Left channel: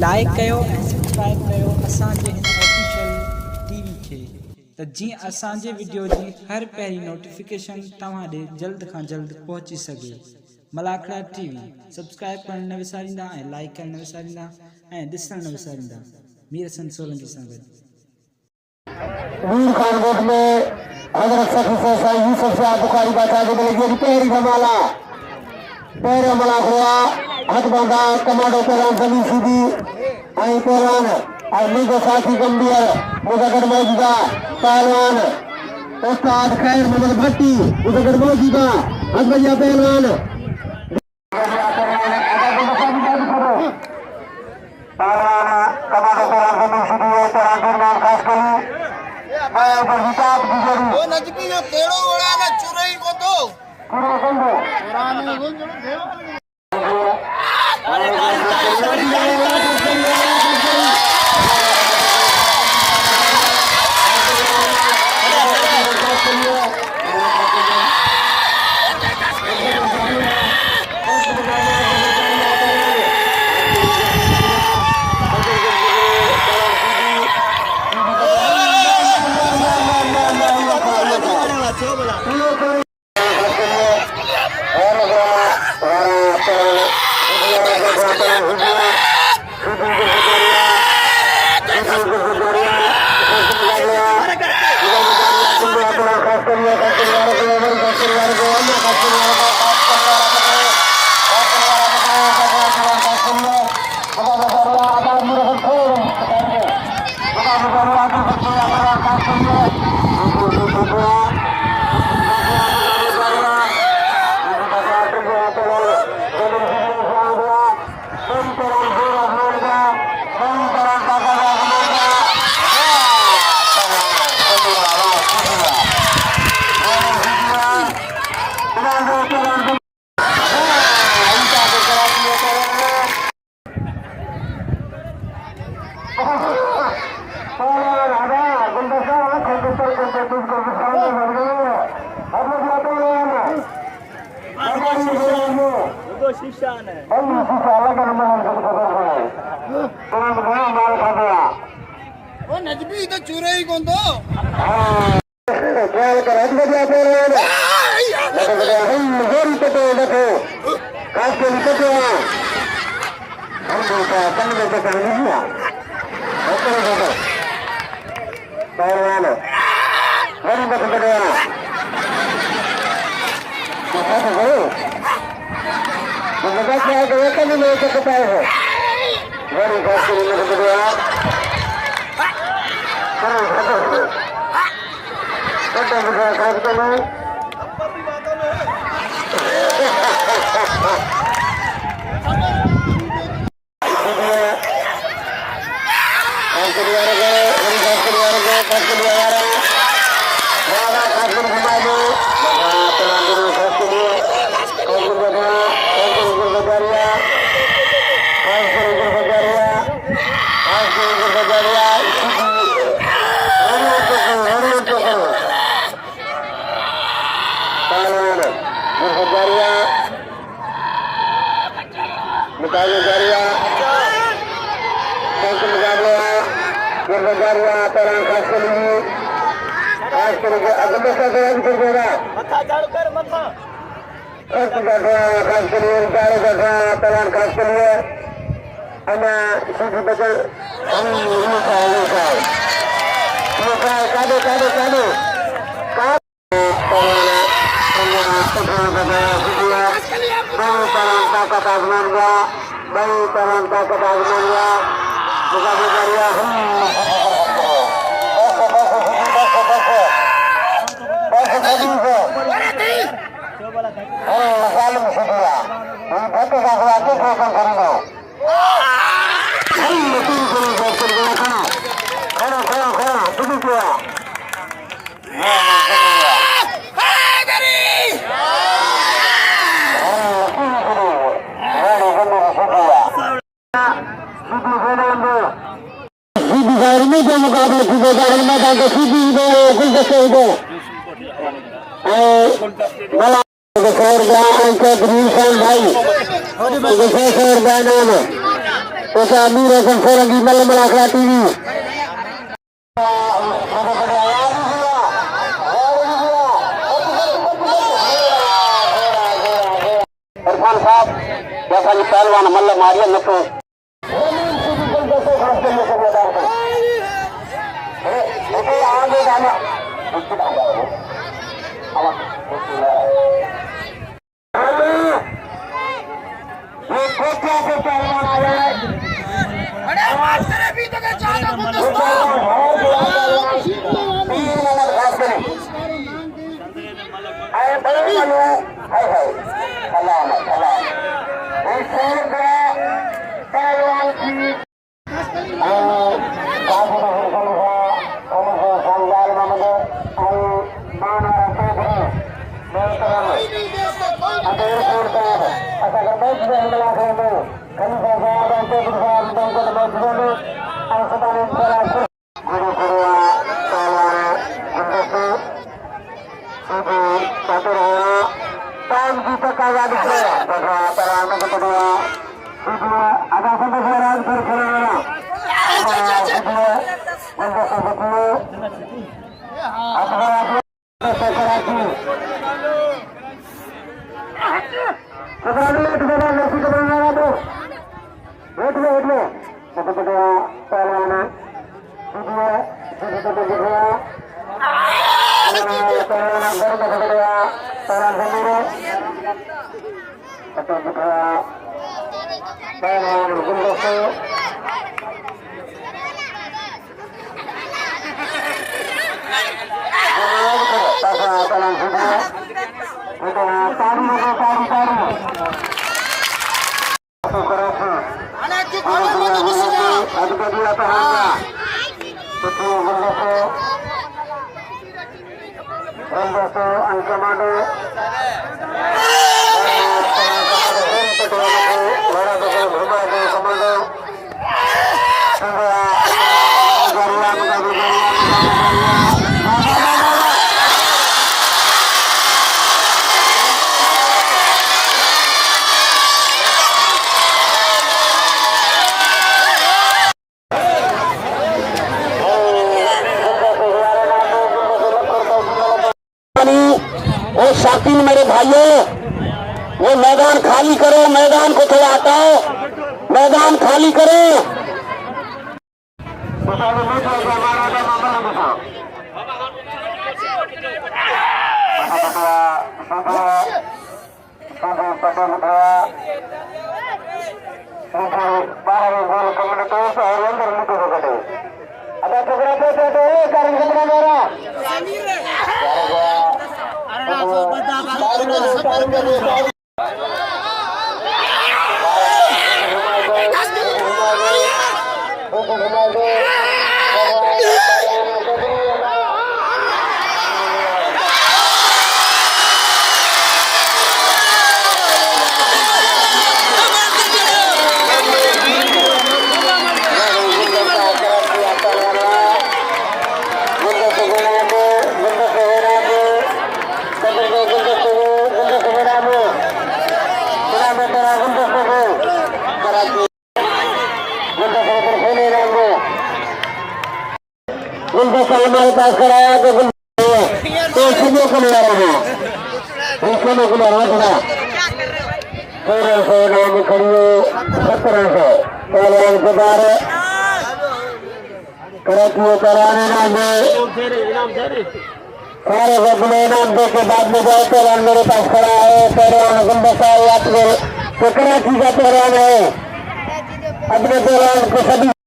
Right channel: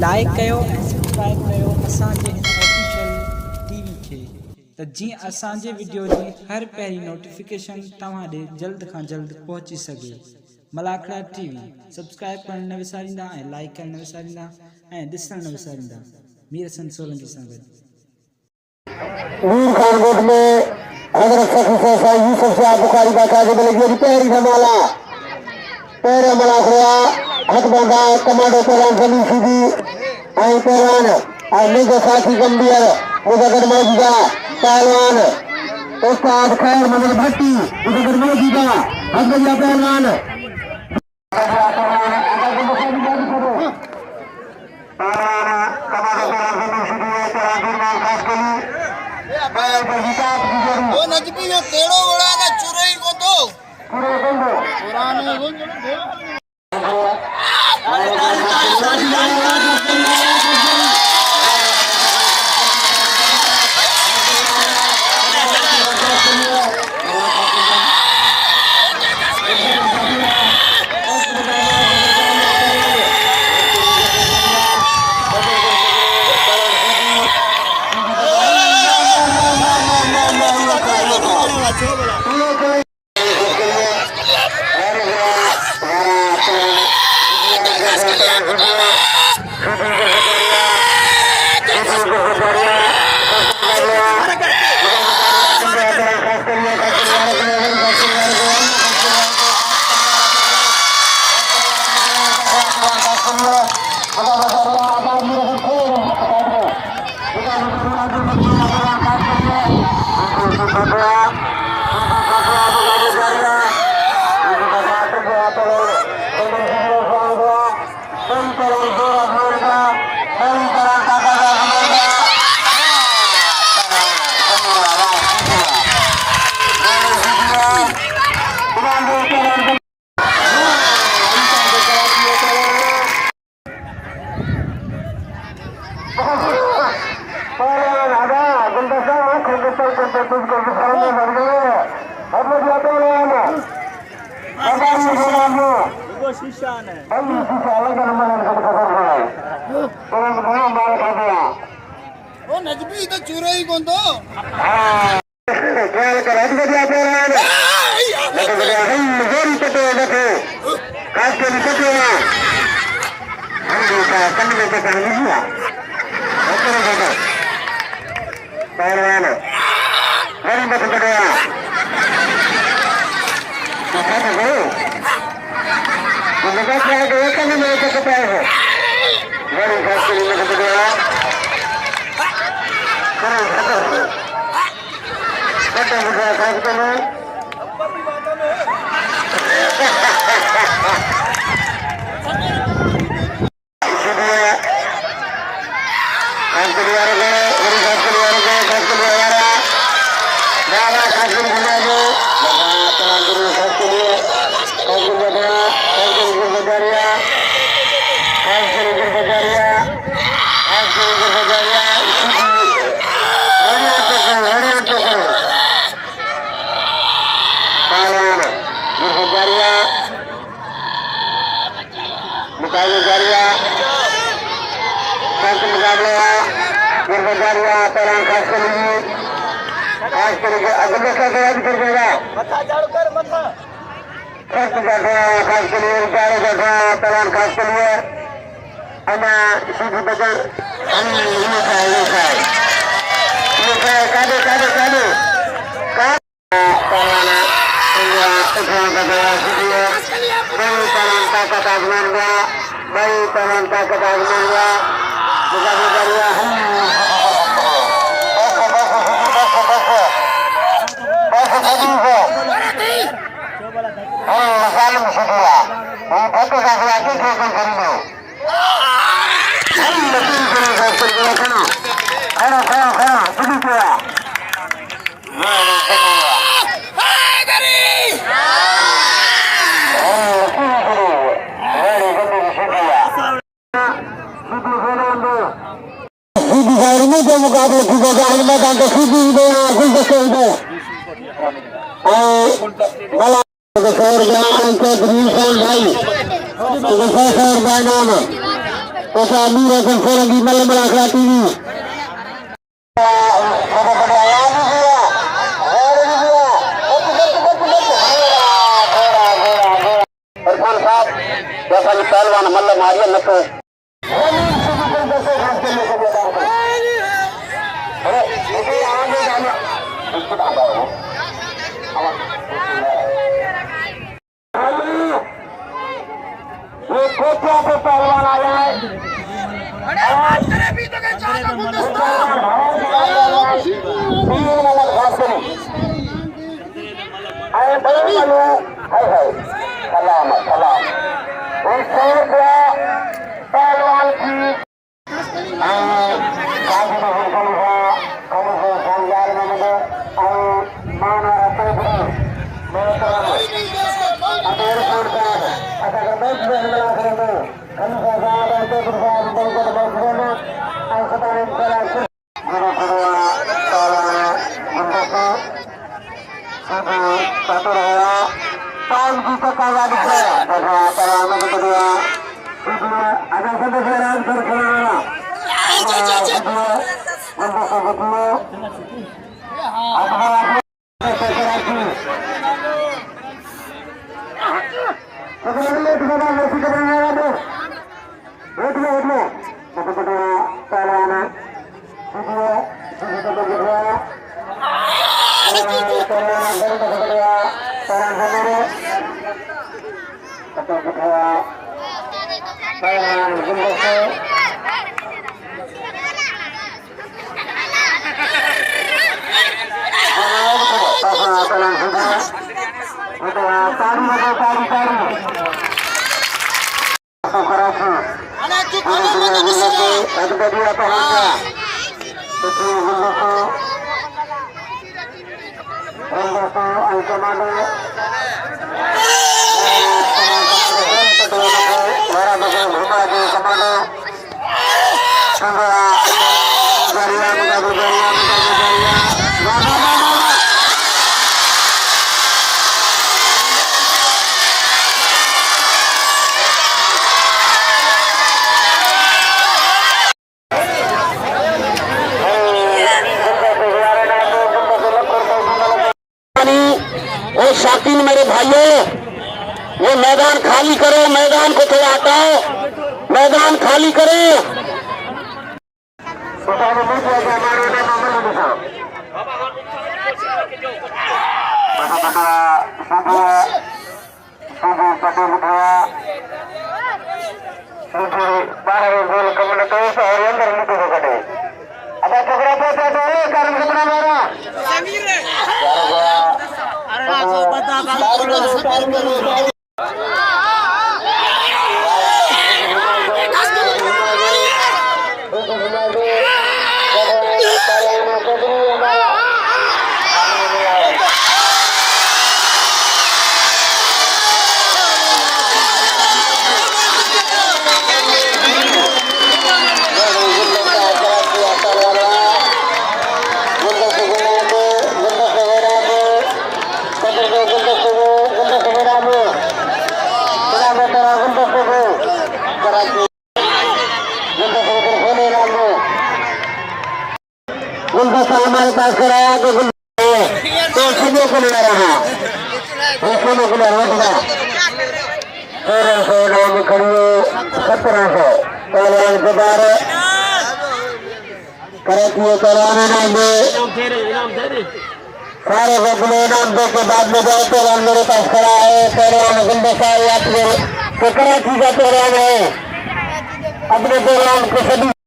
लाइक कयो ऐं सब्सक्राइब कयो असांजे हिन ऑफिशियल टीवी खे त जीअं असांजे वीडियो जी हर पहिरीं नोटिफिकेशन तव्हां ॾे जल्द खां जल्द पहुची सघे। मलाखड़ा टीवी सब्सक्राइब करण न विसारींदा ऐं लाइक करण न विसारींदा ऐं ॾिसण न विसारींदा। मीर हसन सोलंकी सां गॾु मीर खान गोद में हज़रत सखी से यूसुफ शाह बुखारी बादशाह के बले जी पहरी धमाला पहरे मलाखड़ा हथ बंधा कमांडो पहलवान जमीन सीधी आई पहलवान आई मेजो साथी गंभीर मुजफ्फर मौजूदा पहलवान उस्ताद खैर मंदिर भट्टी मुजफ्फर मौजूदा हथ बंधा पहलवान वो नजबी जो तेड़ो उड़ा ना चुरई को तो पुराने गुंज वो नजबी तो चुरई को तो ख्याल कर हद बजा पहलवान मेरी तो देखो काश के लिए तो हम देखा कल में तो कहीं नहीं हुआ देखो पहलवान मेरी मत बजा मुझे क्या है कि एक नहीं ले सकता है मेरी काश के लिए मत बजा करो करो मुझे काश करो अपनी बातों में उसा नूर हसन सोलंकी मल मलाखा टीवी पहलवान मल्ल मारिया नथो ये कोठा से पहलवान आया अरे बात करे भी तो के चाचा गुलदस्ता पहलवान की कोई नहीं दे सकता अरे तू खोले मत किसी का वो शौकीन मेरे भाइयों, वो मैदान खाली करो, मैदान को थोड़ा हटाओ, मैदान खाली करो। अब पकड़ा कारण कपड़ा मेरा गुलदस्ता हमारे पास कराया कि तो सभी को ले रहा है, उसको ले रहा है। 1300 नाम खड़िए 1700 पहलवान के बार कराती कराने नाम दे सारे बदले नाम दे के बाद में जाए पहलवान मेरे पास खड़ा है। पहलवान गुलदस्ता आपको कराची का पहलवान है, अपने पहलवान को सभी